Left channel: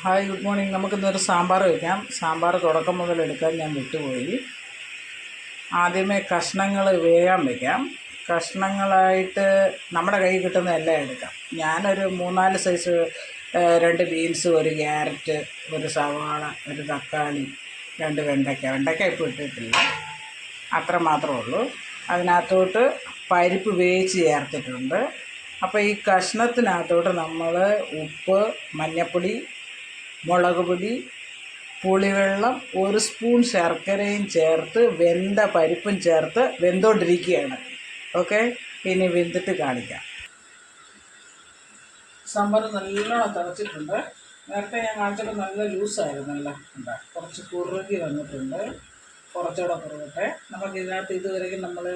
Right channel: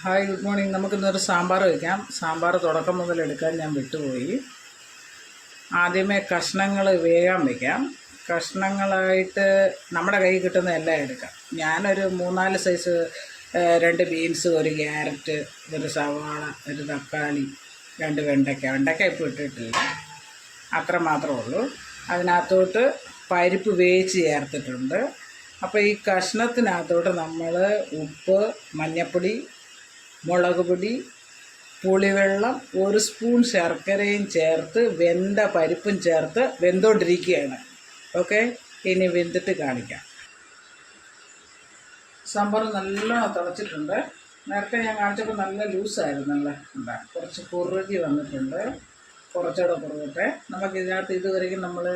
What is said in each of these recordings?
Hi, good morning. നമുക്കിന്നൊരു സാമ്പാർ വയ്ക്കാം. സാമ്പാർ തുടക്കം മുതൽ എടുക്കാൻ ഞാൻ വിട്ടുപോയി. ആദ്യമേ കഷ്ണങ്ങൾ വേകാൻ വയ്ക്കാം. കഷ്ണങ്ങളായിട്ട് നമ്മുടെ കയ്യിൽ കിട്ടുന്ന എല്ലാം എടുക്കാം. ഞാനൊരു 3-4 സൈസ് 2 ബീൻസ്, 1 ക്യാരറ്റ്, 1 സവാള, 1 തക്കാളി, 2 വെണ്ടയ്ക്ക ഇപ്പോൾ ഇട്ടിട്ടില്ല, അത്ര മാത്രമേ ഉള്ളൂ. അതിനകത്തോട്ട് പരിപ്പ് വേവിച്ച് ചേർത്തിട്ടുണ്ട്. അപ്പോൾ ഈ കഷ്ണത്തിനകത്തോട്ട് നമ്മൾ ഉപ്പ്, മഞ്ഞൾപ്പൊടി, മുളക് പൊടി, പുളിവെള്ളം, 1 സ്പൂൺ ശർക്കരയും ചേർത്ത് വെന്ത പരിപ്പും ചേർത്ത് വെന്തുകൊണ്ടിരിക്കുകയാണ്. ഓക്കെ, ഇനി വെന്തിട്ട് കാണിക്കാം. സാമ്പാർ നല്ലോണം തിളച്ചിട്ടുണ്ട്. നേരത്തെ ഞാൻ കാണിച്ചപ്പോൾ നല്ല ലൂസായിരുന്നല്ലോ, എന്താ കുറച്ച് കുറുകി വന്നിട്ടുണ്ട്. കുറച്ചുകൂടെ കുറുകട്ടെ. നമുക്കിതിനകത്ത് ഇതുവരെയും നമ്മൾ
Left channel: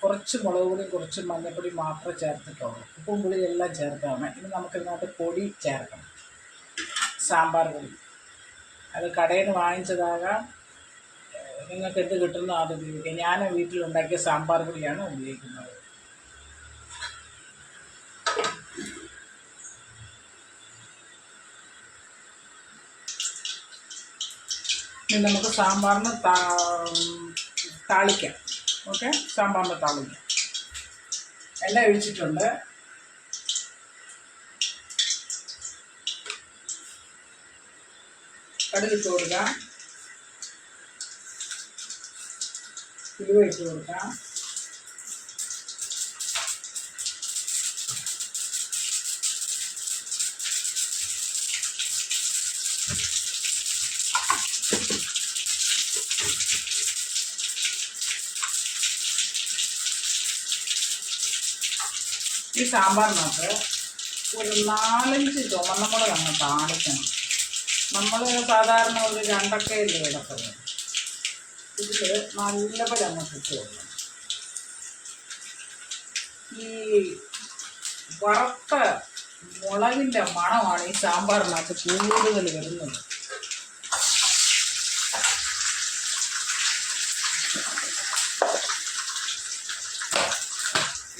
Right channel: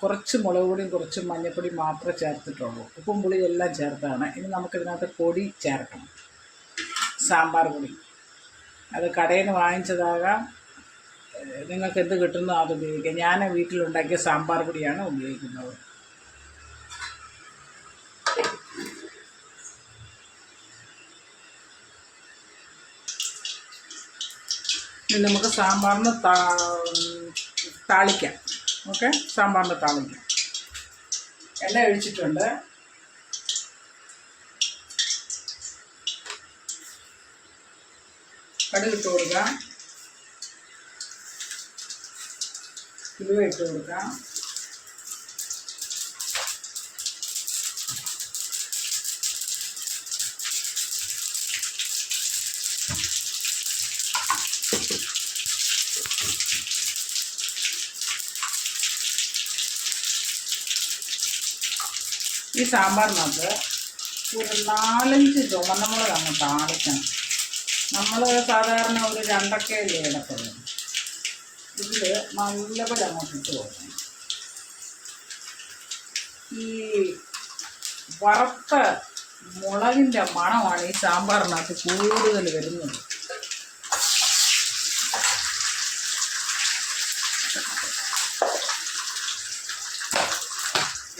കുറച്ച് മുളക് പൊടിയും കുറച്ച് മഞ്ഞൾപ്പൊടിയും മാത്രമേ ചേർത്തിട്ടുള്ളൂ. ഉപ്പും പുളിയും എല്ലാം ചേർത്താണ്. ഇനി നമുക്കിതിനകത്ത് പൊടി ചേർക്കണം. സാമ്പാർ പൊടി, അത് കടയിൽ നിന്ന് വാങ്ങിച്ചതാകാം, നിങ്ങൾക്ക് എന്ത് കിട്ടുന്നോ അത് ഉപയോഗിക്കാം. ഞാൻ വീട്ടിലുണ്ടാക്കിയ സാമ്പാർ പൊടിയാണ് ഉപയോഗിക്കുന്നത്. ഇനി നമുക്ക് സാമ്പാറിന് താളിക്കാം. ഓക്കെ, സാമ്പാറിന് താളിക്കാം. എണ്ണ ഒഴിച്ചിട്ടുണ്ട്. കടുക് ഇട്ട് കൊടുക്കാം, ഉലുവ ഇട്ട് കൊടുക്കാം, ഈ സാമ്പാറിനകത്ത് ഒരു 4-5 ചുവന്ന മുളക് അങ്ങ് താളിക്കണം. നമ്മൾ സാധാരണ ഒരു 2 ഇടത്തുള്ളൂ. ഇതിൽ നല്ലപോലെ അങ്ങോട്ട് ഇട്ട് കൊടുക്കണം. ഈ വറുത്ത മുളകിൻ്റെ മണമാണ് ഈ സാമ്പാറിനകത്ത് കൂടുതൽ വരുന്നത്.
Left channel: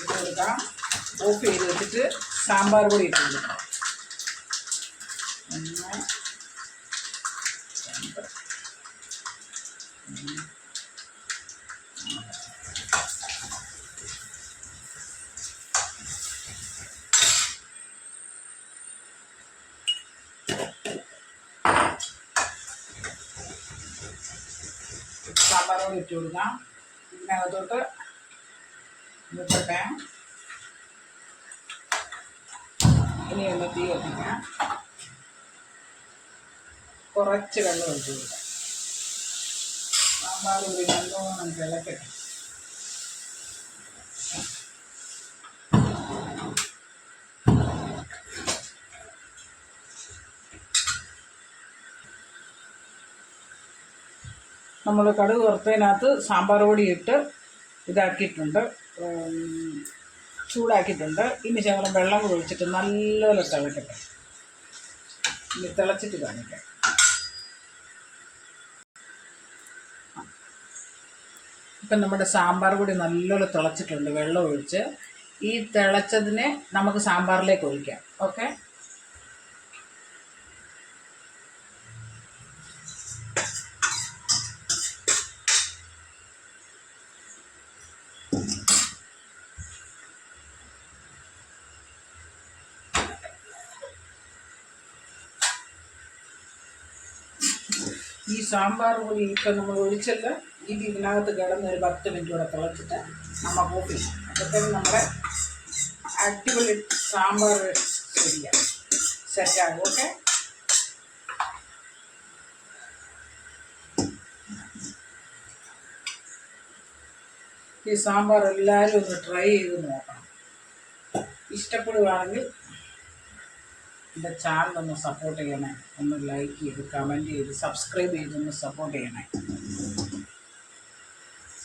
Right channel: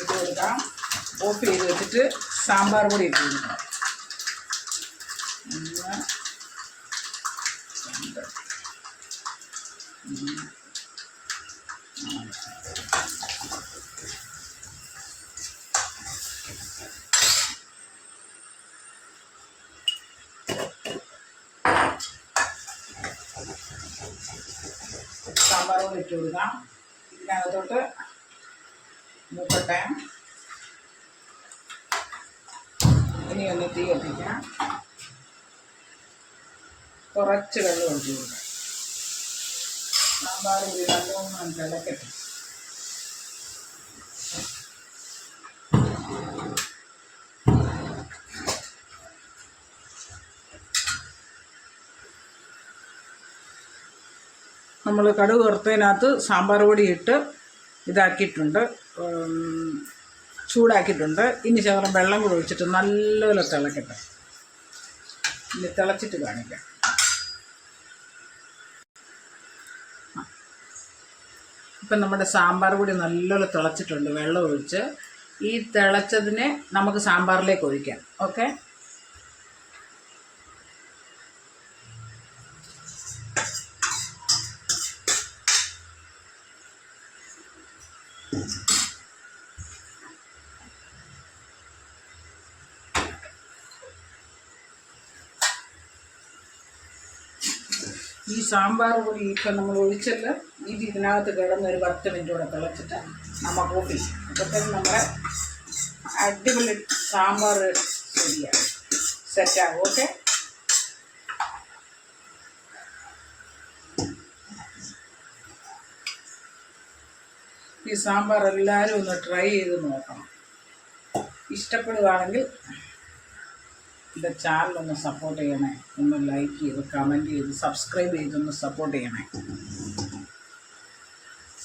ഇട്ട് കൊടുക്കാം. ഓഫ് ചെയ്ത് വെച്ചിട്ട് സാമ്പാർ പൊടി ഇട്ട് കൊടുക്കാം. 1, 2, 3, 4. സാമ്പാർ പൊടി ഇട്ട് കൊടുക്കാം. ഇതിനകത്തോട്ട് മുട്ടട്ടെ. ഇനി ഒന്ന് തീ കത്തിക്കാം. കുറച്ച് വെള്ളം ഒഴിച്ച് കൊടുക്കാം. സാമ്പാർ പൊടി നല്ലോണം തിളക്കട്ടെ. നമ്മൾ കടുക് വറുത്തതിനകത്ത് സാമ്പാർ പൊടി ഇട്ട് ഇതാക്കിയിട്ടുണ്ട്, ചൂടാക്കിയിട്ടുണ്ട്. ഇനി ശകലം വെള്ളം കൂടി ഒഴിച്ചിട്ട് നല്ലപോലെ തിളക്കട്ടെ. ഇനി തിളച്ചിട്ട് കാണിക്കാം. ഇപ്പം നമ്മുടെ സാമ്പാർ പൊടി നല്ലപോലെ തിളച്ചിട്ടുണ്ട്. വെള്ളം ഒഴിച്ച് ഈ തിളച്ചതിനെ നമുക്ക് സാമ്പാറിലേക്ക് ഒഴിക്കാം. ഓക്കെ, ഈ സാമ്പാർ പൊടി ഇപ്പം നമ്മൾ ഒഴിച്ചല്ലോ, ഇതിനകത്ത് കിടന്ന് ഒരു 10 മിനിറ്റ് കൂടെ തിളച്ചിട്ട് നമുക്ക് ഓഫ് ചെയ്യും. അപ്പോഴത്തേനും നമ്മുടെ അടിപൊളി സാമ്പാർ ശരിയാണ്, സെറ്റാകും. ഓക്കെ, ഈ സാമ്പാർ എല്ലാവരും ഒന്ന് ട്രൈ ചെയ്ത് നോക്കണം. ഇഷ്ടപ്പെടുകയാണെങ്കിൽ എൻ്റെ ചാനലൊന്ന് സപ്പോർട്ട് ചെയ്യണേ. ഒന്ന് ലൈക്ക് ചെയ്ത്, കമൻറ്റ് ചെയ്ത്, സബ്സ്ക്രൈബ് ചെയ്തൊന്ന് സപ്പോർട്ട് ചെയ്യണേ.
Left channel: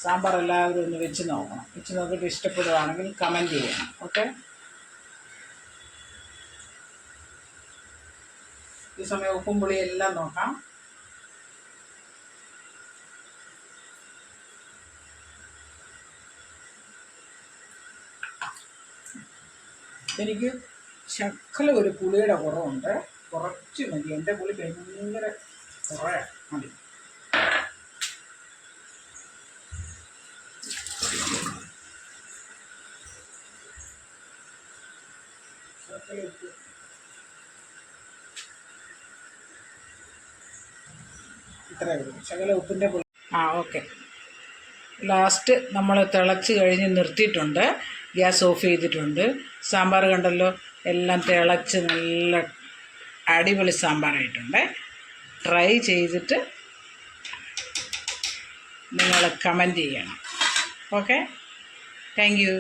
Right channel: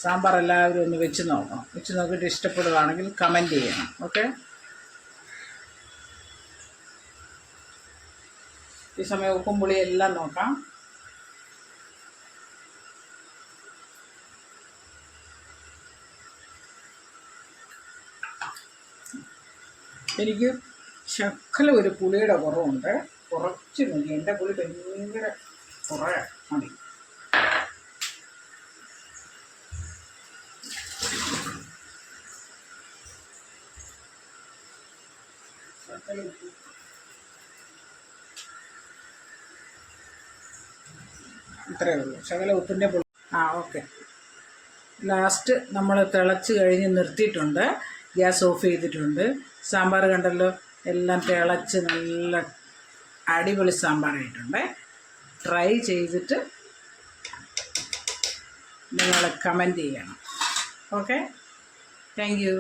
സാമ്പാർ എല്ലാവരും ഒന്ന് വെച്ച് നോക്കണം. വെച്ച് നോക്കിയിട്ട് ഇഷ്ടപ്പെടുകയാണെങ്കിൽ കമൻറ്റ് ചെയ്യണം. ഓക്കെ, ഈ സമയം ഉപ്പും പുളിയും എല്ലാം നോക്കാം. എനിക്ക് ശകലം ഒരു പുളിയുടെ കുറവുണ്ട്. കുറച്ച് മതി. എൻ്റെ പുളി ഭയങ്കര കുറേ മതി. ഇത്രയേ ഉള്ളൂ, ശകല ഉപ്പിൻ്റെ പുളി. ഓക്കെ. ലാസ്റ്റ് നമ്മൾ തിളച്ച് കഴിഞ്ഞ് നിർത്തിയിട്ടുണ്ട്, ഗ്യാസ് ഓഫ് ചെയ്തിട്ടുണ്ട്. സാമ്പാർ കണ്ടല്ലോ, എല്ലാം തിളച്ച് നല്ല അടിപൊളി സാമ്പാറായിട്ടുണ്ട്. ട്രൈ ചെയ്തിട്ട് നിങ്ങൾ കമൻറ്റ് ചെയ്യണം. Okay, thank you.